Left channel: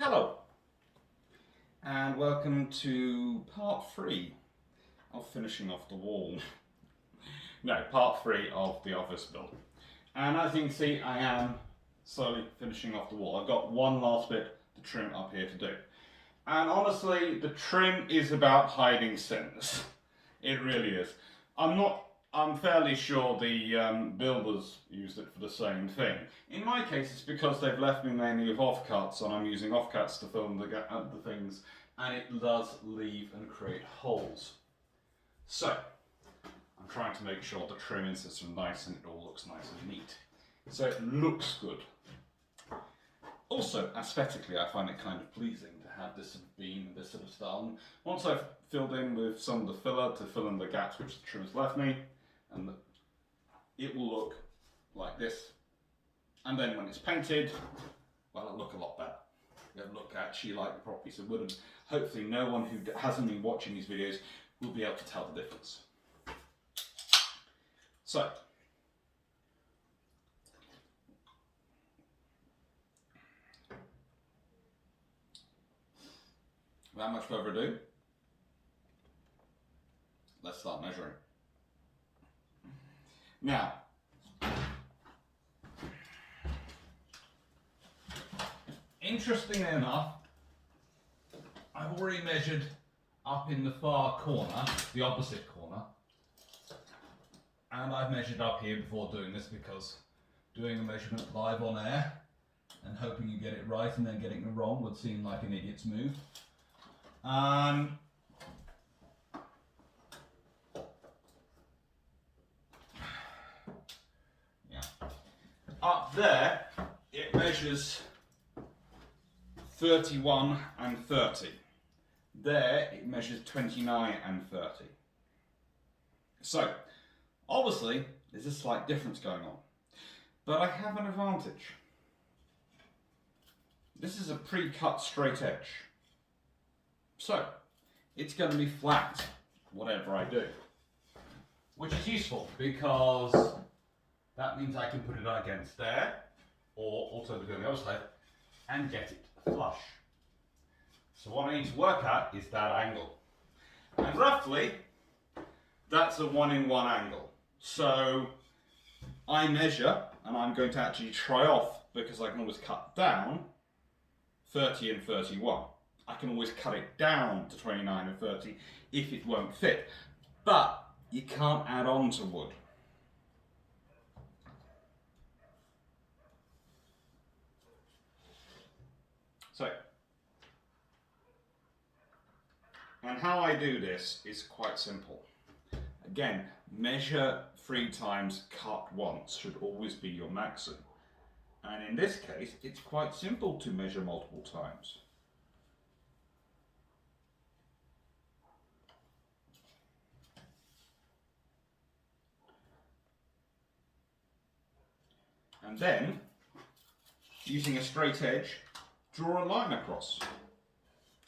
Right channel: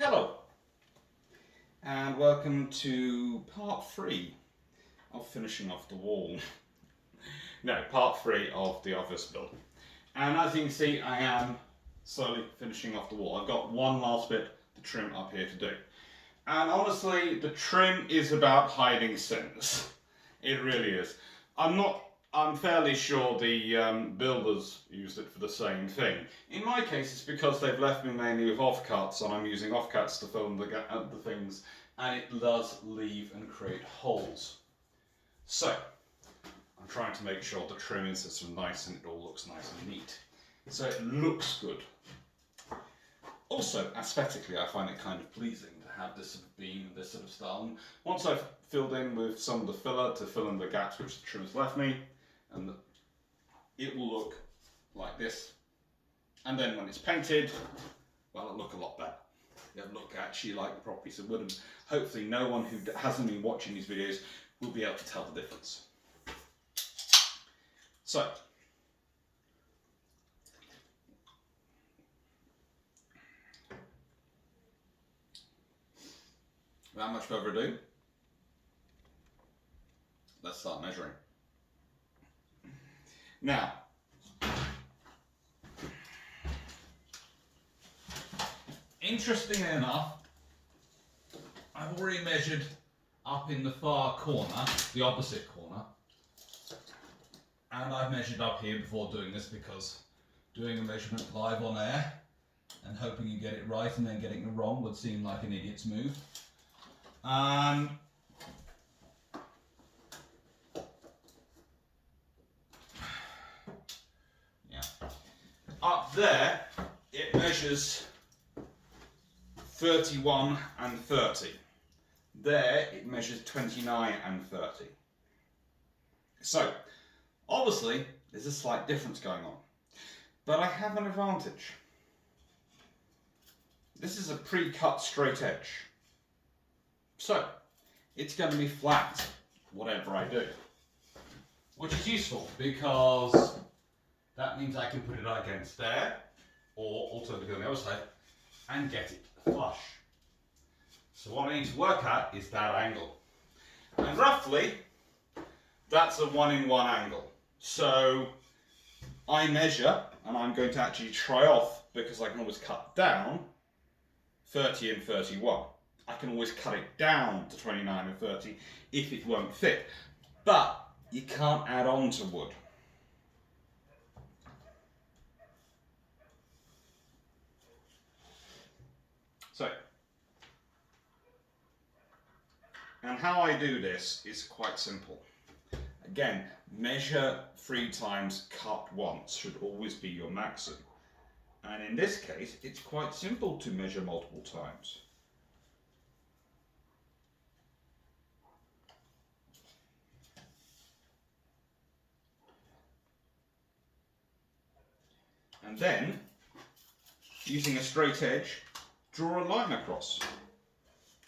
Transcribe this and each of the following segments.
Hello, and welcome to part 3 of finishing off the wall. No, part 3 of the office build. And as you can see, I am slowly finishing off the wall. I've got one last bit to trim up here to do. And honestly, the trim is about hiding sins. It really is. I'm fairly sure the builders used it for the same thing. In my case, it's because they've left me mainly with offcuts, and I'm using offcuts to fill in the things, and it does leave and create holes. So, I'm trying to make sure the trim is sort of nice and it all looks nice and neat. So it looks good. Also, aesthetically, I find it kind of pleasing to have this sort of beam, this sort of style. And once I've filled in with some of the filler to fill in the gaps which the trim has left me, and it will look like this. And then when it's painted, well, it'll look a lot better. It'll look actually like a proper piece of wood, and hopefully no one who hasn't been watching these videos will be able to tell the difference. So, without much further ado, let's start measuring. Now, interestingly enough, I've already measured up in the far corner, the opposite corner, and I've measured up here before doing this because doing a measurement live on air and hoping you get it right and then getting it wrong would seem like an idiot's move. Up there, it measures 31 and 30. There, it measures 29 and 30. So, obviously, there's a slight difference going on. But I have an advantage. This is a pre-cut straight edge. So, it's going to be flat, whatever I do. Which is useful, because that means I can put it against there, or alternatively on the other side, and get it flush. So what I need to work at is that angle. And roughly, that's a 1-in-1 angle. So I measure, and I'm going to actually try off, because I can always cut down 30 and 31. I can always cut it down to 29 and 30 if it won't fit. But you can't add on to wood. So, and how I do this is quite simple. Again, measure 3 times, cut once should always be your maximum. And in this case, it's quite simple to measure multiple times. And then, using a straight edge, draw a line across,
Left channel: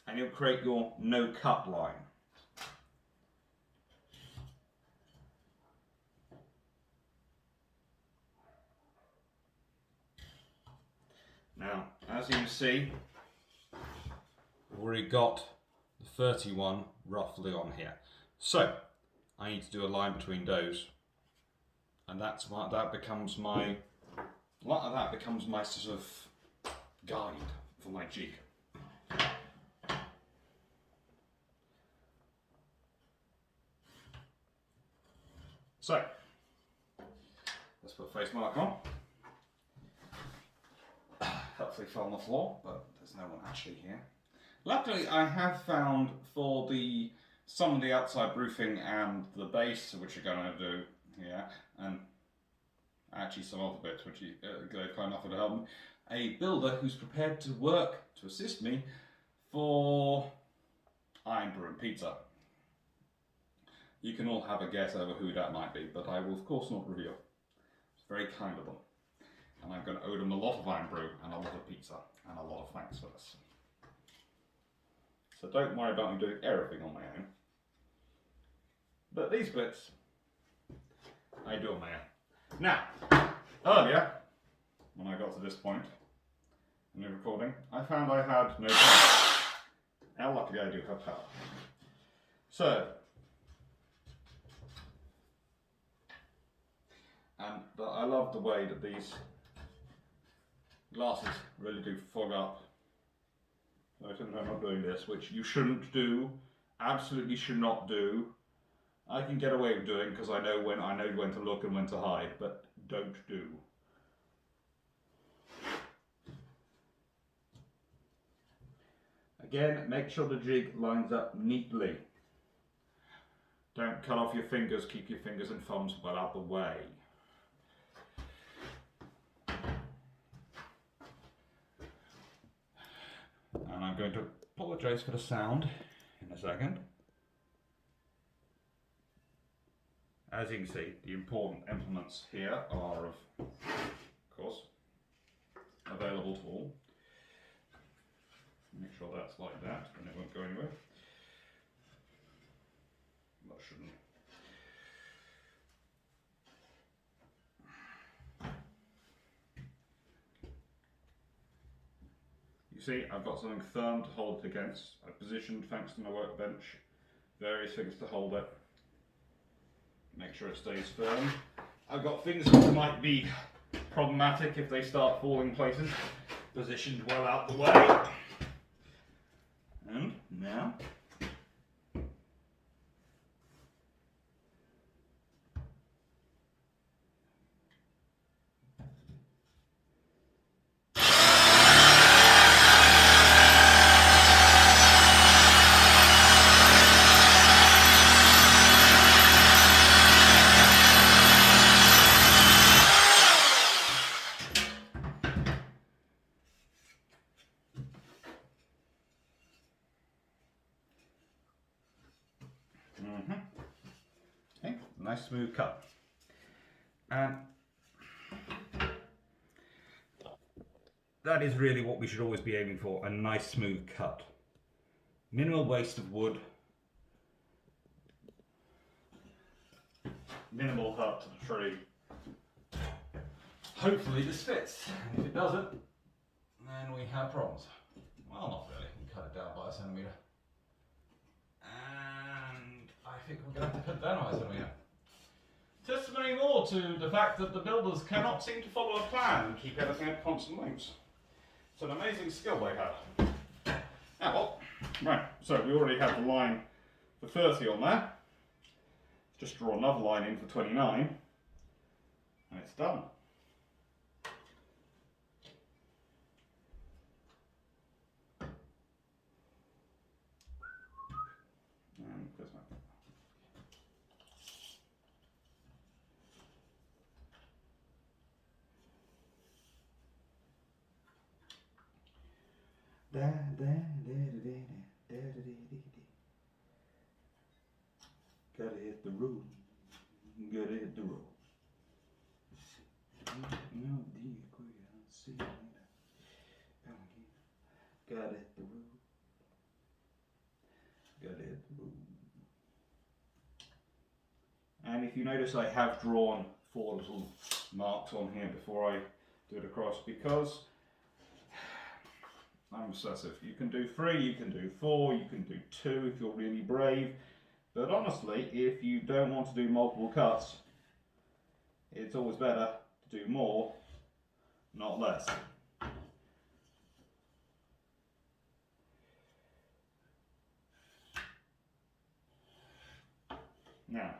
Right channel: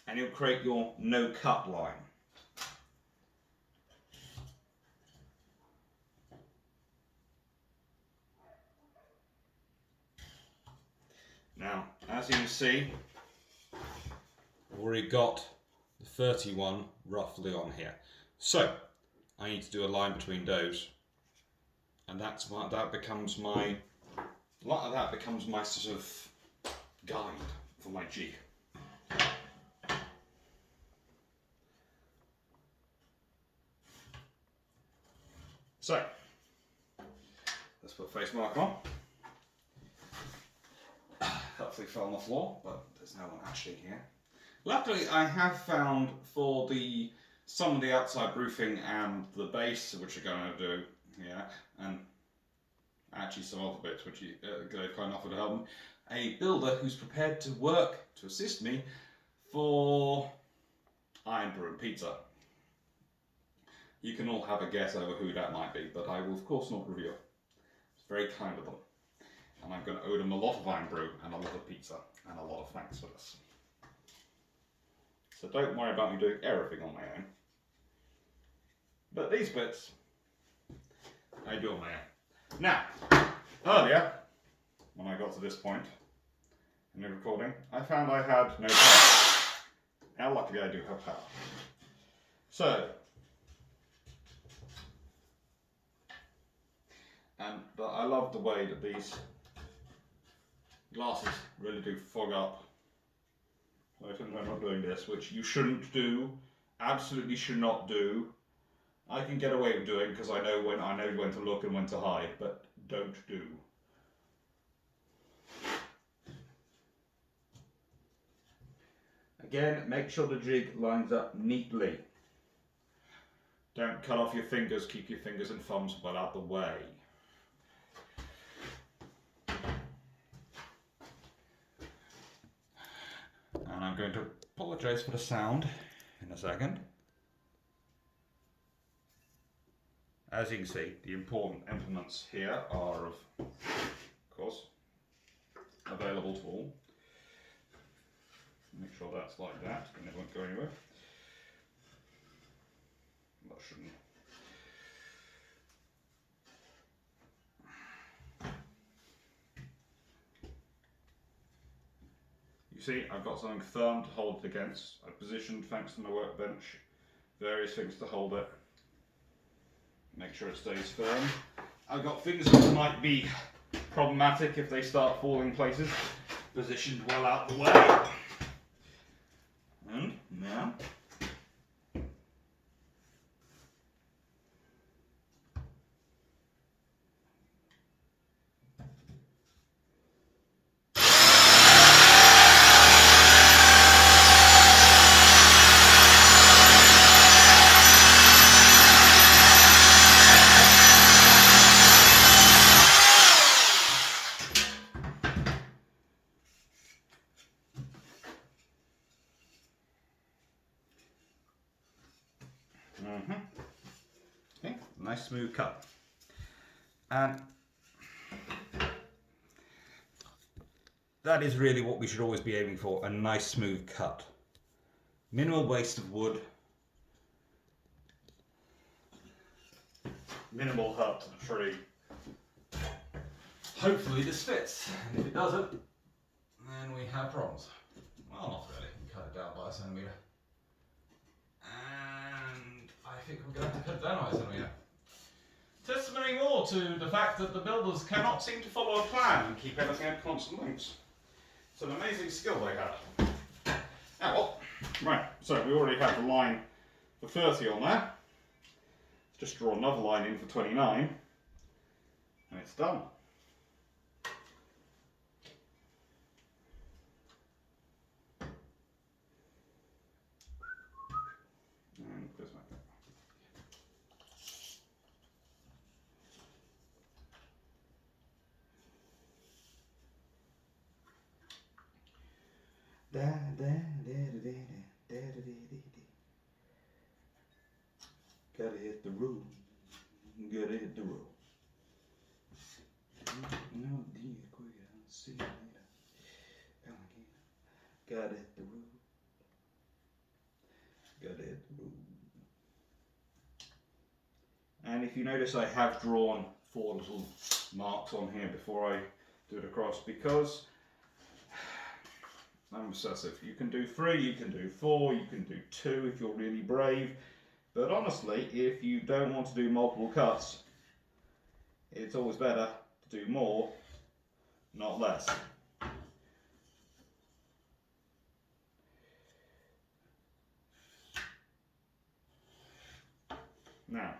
and you'll create your no-cut line. Now, as you can see, I've already got the 31 roughly on here. So, I need to do a line between those, and that becomes my sort of guide for my jig. So, let's put a face mark on. Hopefully fell on the floor, but there's no one actually here. Luckily, I have found for some of the outside roofing and the base, which we're going to do here, and actually some other bits which they've kind of offered to help me, a builder who's prepared to work to assist me for iron brew and pizza. You can all have a guess over who that might be, but I will of course not reveal. It's very kind of them. And I'm going to owe them a lot of iron brew and a lot of pizza and a lot of thanks for this. So don't worry about me doing everything on my own. But these bits, I do on my own. Now, earlier, when I got to this point, in the recording, I found I had no power. Now luckily I do have power. So, but I love the way that these glasses really do fog up. So I'm not doing this, which you shouldn't do, absolutely should not do. I can get away with doing because I know when to look and when to hide, but don't do. Again, make sure the jig lines up neatly. Don't cut off your fingers, keep your fingers and thumbs well out the way. And I'm going to apologise for the sound in a second. As you can see, the important implements here are, of course, available to all. Make sure that's like that and it won't go anywhere. That shouldn't. You see, I've got something firm to hold it against. I've positioned, thanks to my workbench, various things to hold it. Make sure it stays firm. I've got things that might be problematic if they start falling places, positioned well out the way. And now, okay, nice smooth cut. And that is really what we should always be aiming for, a nice smooth cut. Minimal waste of wood. Minimal hurt to the tree. Hopefully this fits, and if it doesn't, then we have problems. Well, not really, we cut it down by a centimetre. And I think we're going to have to cut it down by a centimetre. Testimony more to the fact that the builders cannot seem to follow a plan and keep everything at constant lengths. It's an amazing skill they have. Now, well, right, so we already have the line for 30 on there. Just draw another line in for 29, and it's done. And close that. Gotta hit the road. Gotta hit the road. No, see you later. Gotta hit the road. Gotta hit the road. And if you notice, I have drawn 4 little marks on here before I do it across because I'm obsessive. You can do 3, you can do 4, you can do 2 if you're really brave. But honestly, if you don't want to do multiple cuts, it's always better to do more, not less. Now,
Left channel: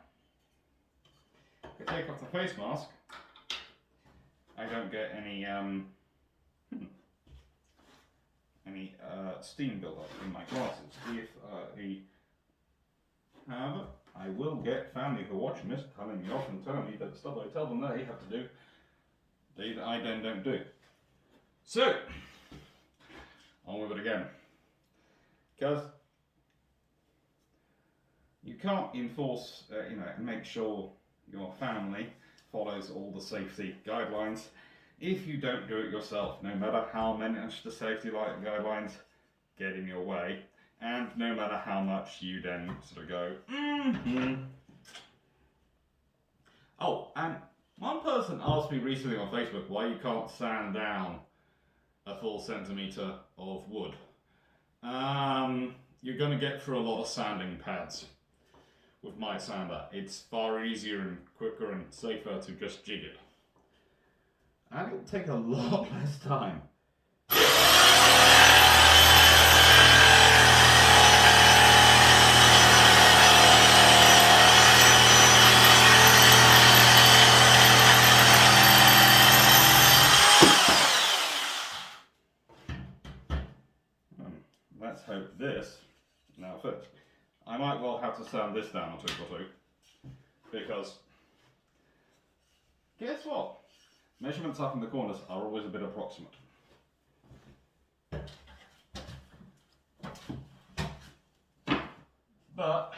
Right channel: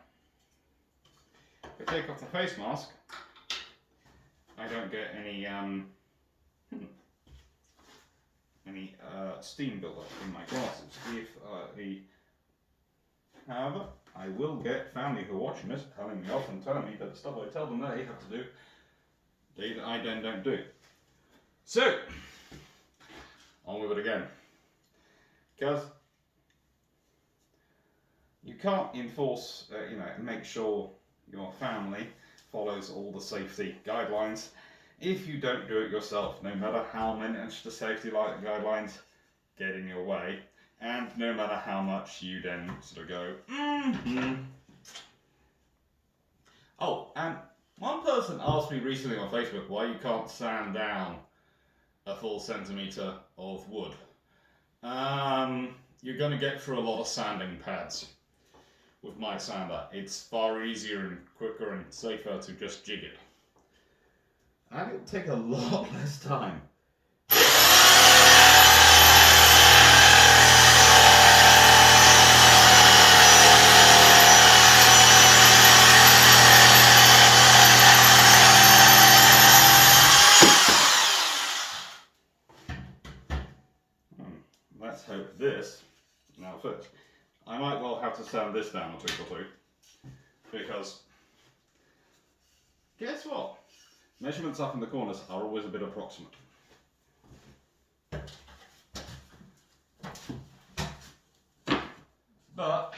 if I take off the face mask, I don't get any steam buildup in my glasses. However, I will get family who are watching this telling me off and telling me that the stuff I tell them they have to do, I then don't do. So, on with it again. Because you can't enforce, make sure your family follows all the safety guidelines if you don't do it yourself, no matter how much the safety guidelines get in your way, and no matter how much you then sort of go, Oh, and one person asked me recently on Facebook why you can't sand down a full centimetre of wood. You're going to get through a lot of sanding pads with my sander. It's far easier and quicker and safer to just jig it. And it'll take a lot less time. Let's hope this now fits. I might well have to sand this down a tick or two, because guess what? Measurements up in the corners are always a bit approximate. But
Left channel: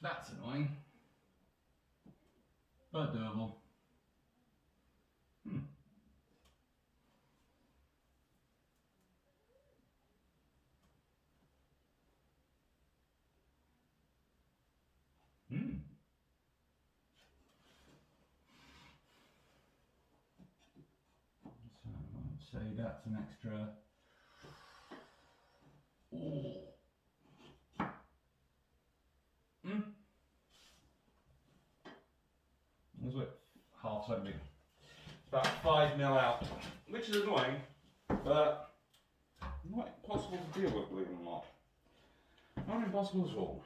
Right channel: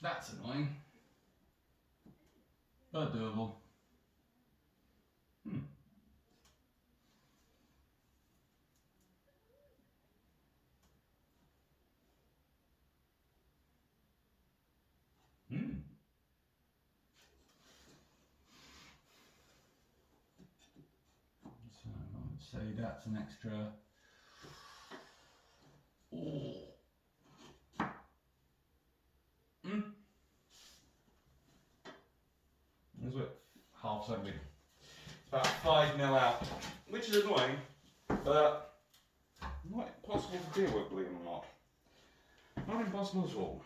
that's annoying, but doable. So I'd say that's an extra. There's what, half centimetre. About 5 mil out, which is annoying, but not impossible to deal with, believe it or not. Not impossible at all.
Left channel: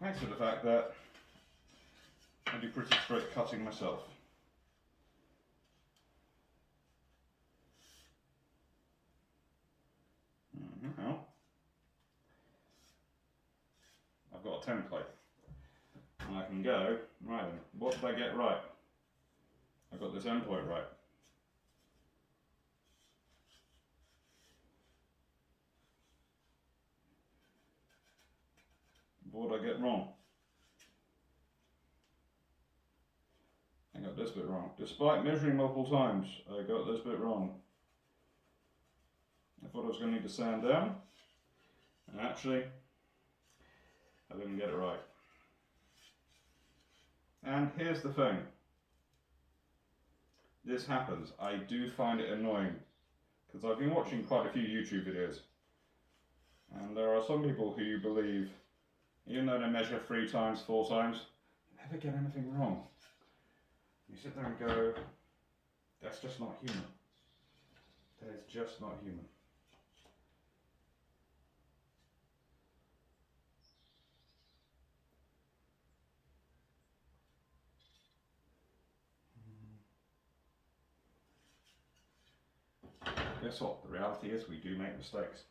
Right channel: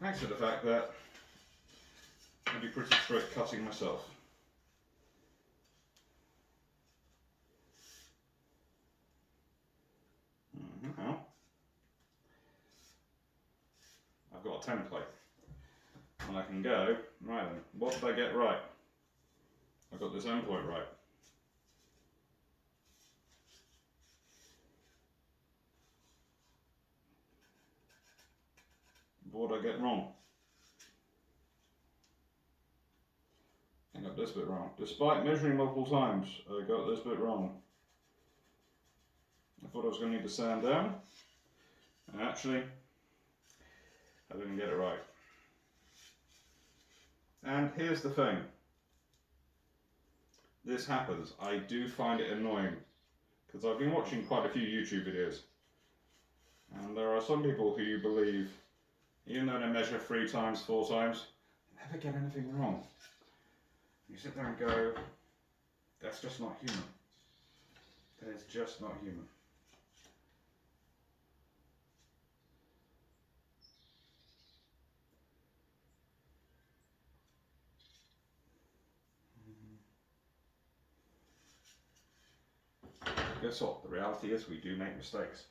Thanks to the fact that I do pretty straight cutting myself. I've got a template. And I can go, right then, what did I get right? I got this endpoint right. What did I get wrong? I got this bit wrong. Despite measuring multiple times, I got this bit wrong. I thought I was going to need to sand down, and actually, I didn't get it right. And here's the thing. This happens. I do find it annoying, because I've been watching quite a few YouTube videos, and there are some people who believe, even though they measure 3 times, 4 times, they never get anything wrong. You sit there and go, that's just not human. That is just not human. Guess what? The reality is we do make mistakes.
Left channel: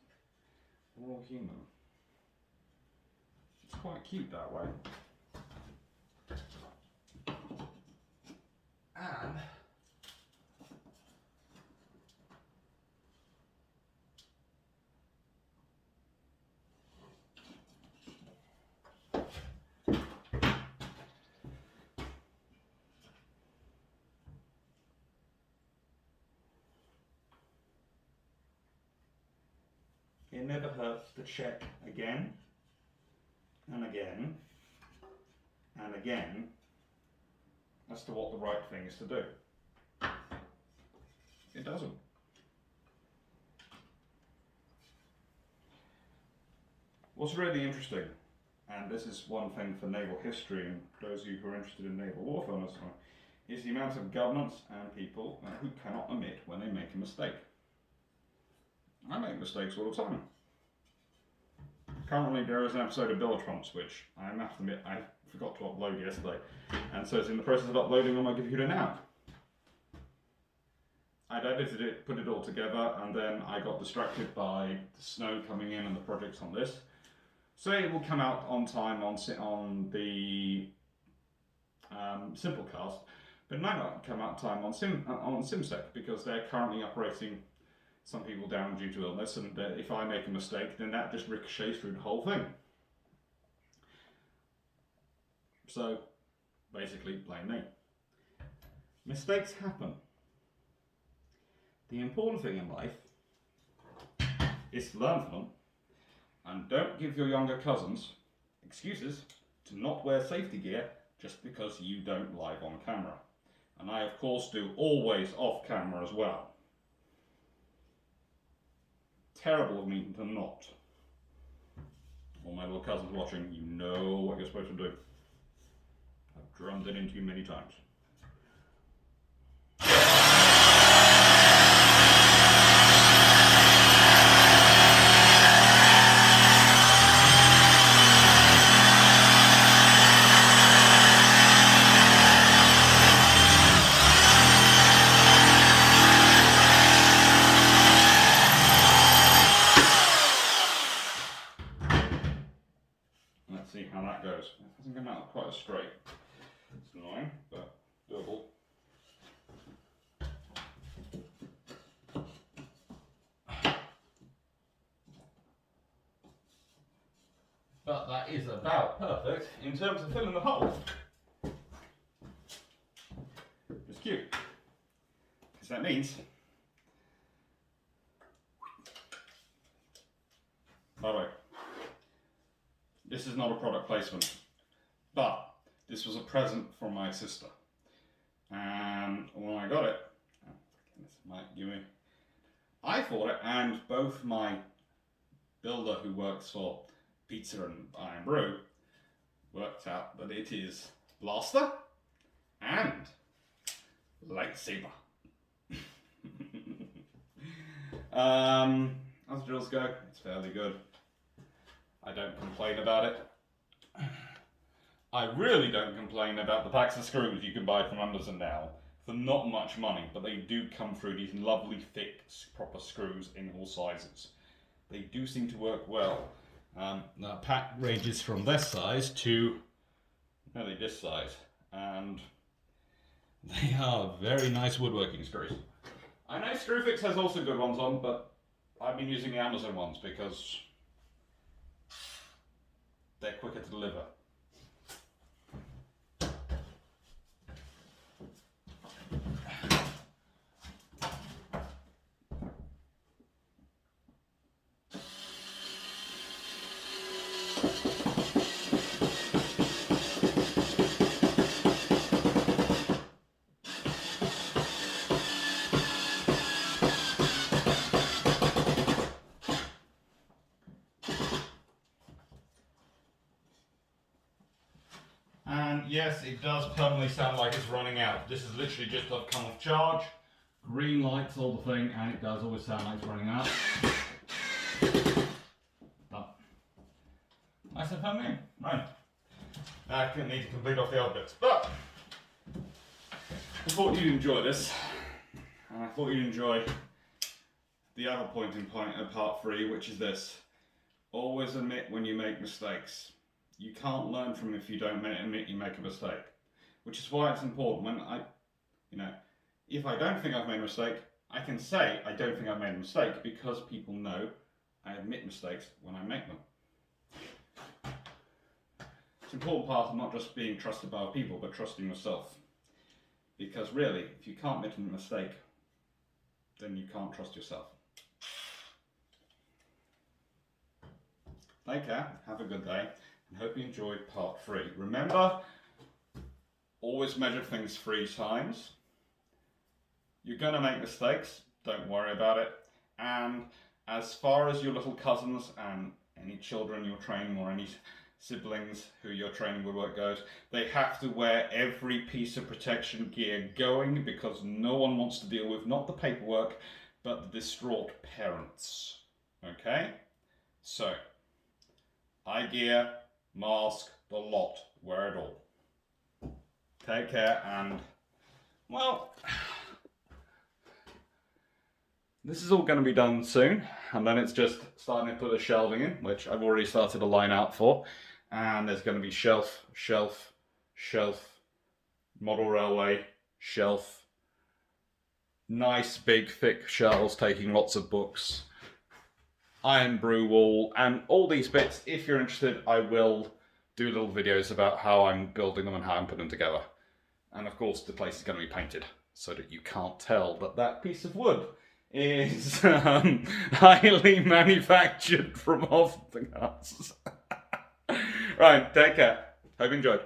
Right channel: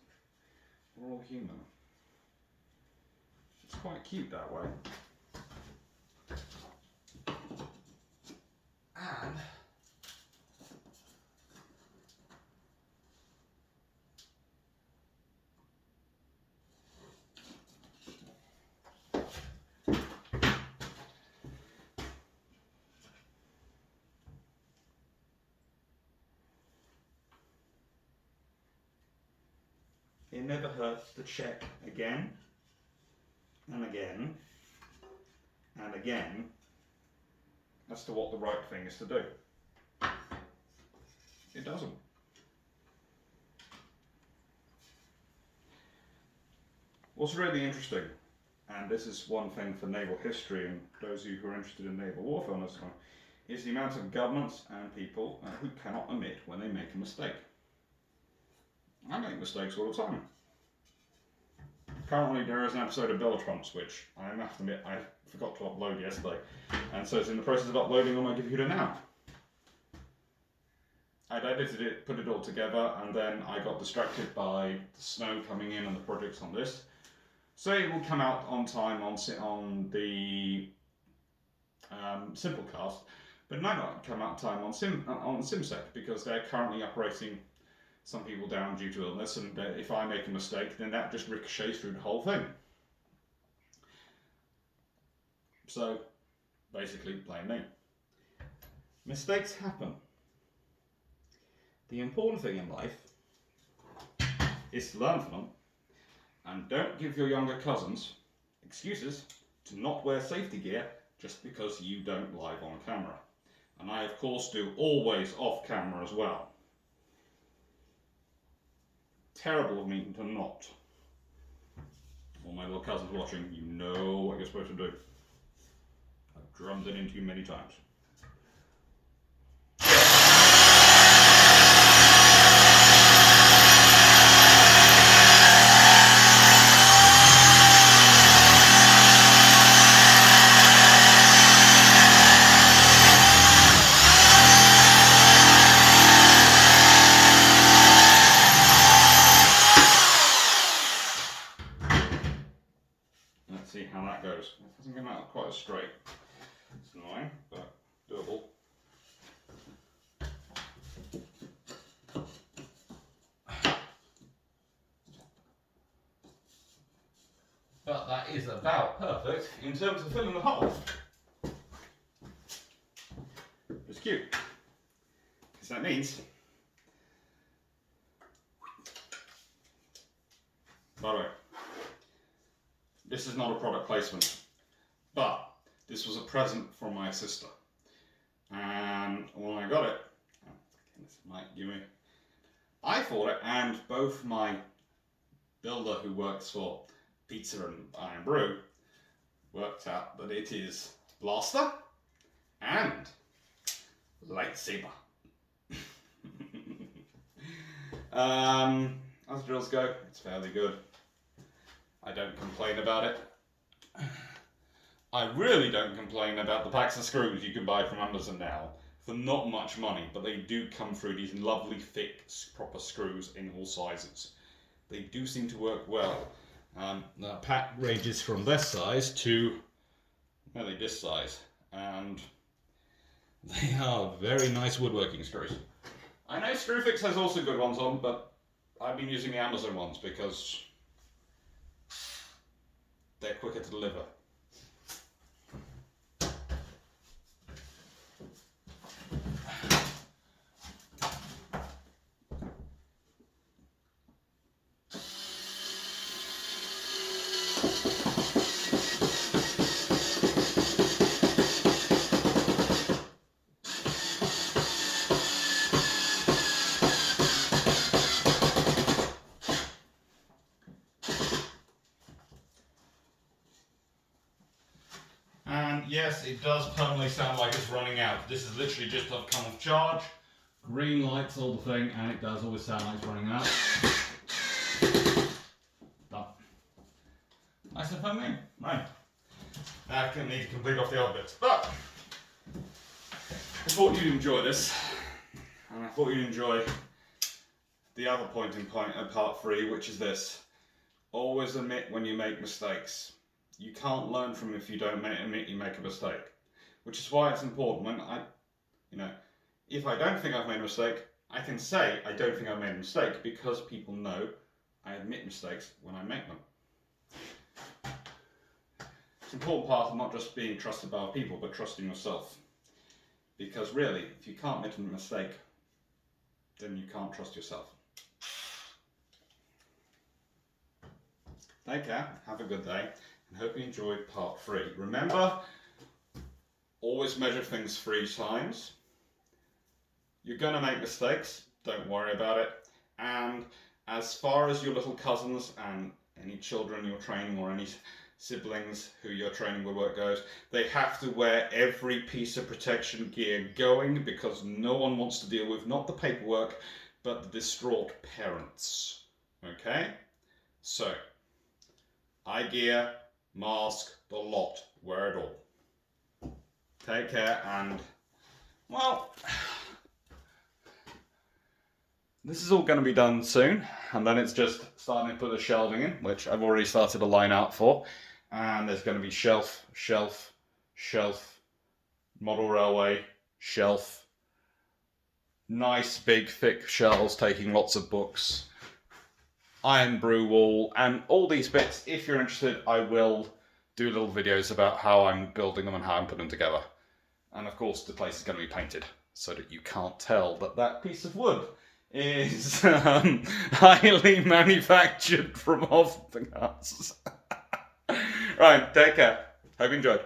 We're all human. It's quite cute that way. And it never hurts to check again and again and again as to what the right thing is to do. It doesn't. What's really interesting, and this is one thing for naval history and those of you who are interested in naval warfare and this kind, is the amount of governments and people who cannot admit when they make a mistake. I make mistakes all the time. Currently there is an episode of Bellatrons which I have to admit I forgot to upload yesterday, and so it's in the process of uploading on my computer now. I'd edited it, put it all together, and then I got distracted by the snow coming in and the projects on this. So it will come out on time on the Simplecast, but it might not come out time on SimSec because they're currently operating some people down due to illness, and if I make a mistake, then that just ricochets through the whole thing. So, basically, blame me. Mistakes happen. The important thing in life is to learn from them, and don't give your younger cousins excuses to not wear safety gear just because you don't live on camera. And I of course do always off camera as well. Terrible of me to not. All my little cousins watching, you know what you're supposed to do. I've drummed it into you many times. Let's see how that goes. It hasn't come out quite as straight. It's annoying, but doable. But that is about perfect in terms of filling the hole. It's cute, because that means, by the way, this is not a product placement, but this was a present from my sister. And when I got it, this might give me, I thought it, and both my builder who works for Pizza and Iron Brew worked out that it is blaster and lightsaber. As drills go, it's fairly good. I don't complain about it. I really don't complain about the packs of screws you can buy from Amazon now for not much money, but they do come through these lovely thick proper screws in all sizes. They do seem to work well. The pack ranges from this size to nearly this size, and they are very nice woodworking screws. I know Screwfix has also good ones on, but I've been using the Amazon ones because they're quicker to deliver. And yes, it does permanently sound like it's running out. This is literally just a come off charge. Green lights, all the thing, and it does always sound like it's running out. But nice and firm in. Right. Now I need to complete off the other bits. But I thought you'd enjoy this. And I thought you'd enjoy the other point of part 3, which is this. Always admit when you make mistakes. You can't learn from if you don't admit you make a mistake. Which is why it's important when if I don't think I've made a mistake, I can say I don't think I've made a mistake because people know I admit mistakes when I make them. It's an important part of not just being trusted by other people, but trusting yourself. Because really, if you can't make a mistake, then you can't trust yourself. Take care, have a good day, and hope you enjoyed part 3. Remember, always measure things 3 times. You're going to make mistakes, don't worry about it. And as far as your little cousins and any children you're training or any siblings who you're training woodwork goes, they have to wear every piece of protection gear going because no one wants to deal with not the paperwork, but the distraught parents. Okay? So, eye gear, mask, the lot, wear it all. Take care and, well, this is all going to be done soon, and then it's just starting to put the shelving in, which I've already started a line out for. And there's going to be shelf, shelf, shelf, model railway, shelf, nice big thick shelves taking lots of books, iron brew wall, and all these bits. If you're interested, I will do little videos about how I'm building them and how I'm putting them together. And of course the place is going to be painted so that you can't tell that that piece of wood is highly manufactured from off the guts. Right, take care. Hope you enjoyed.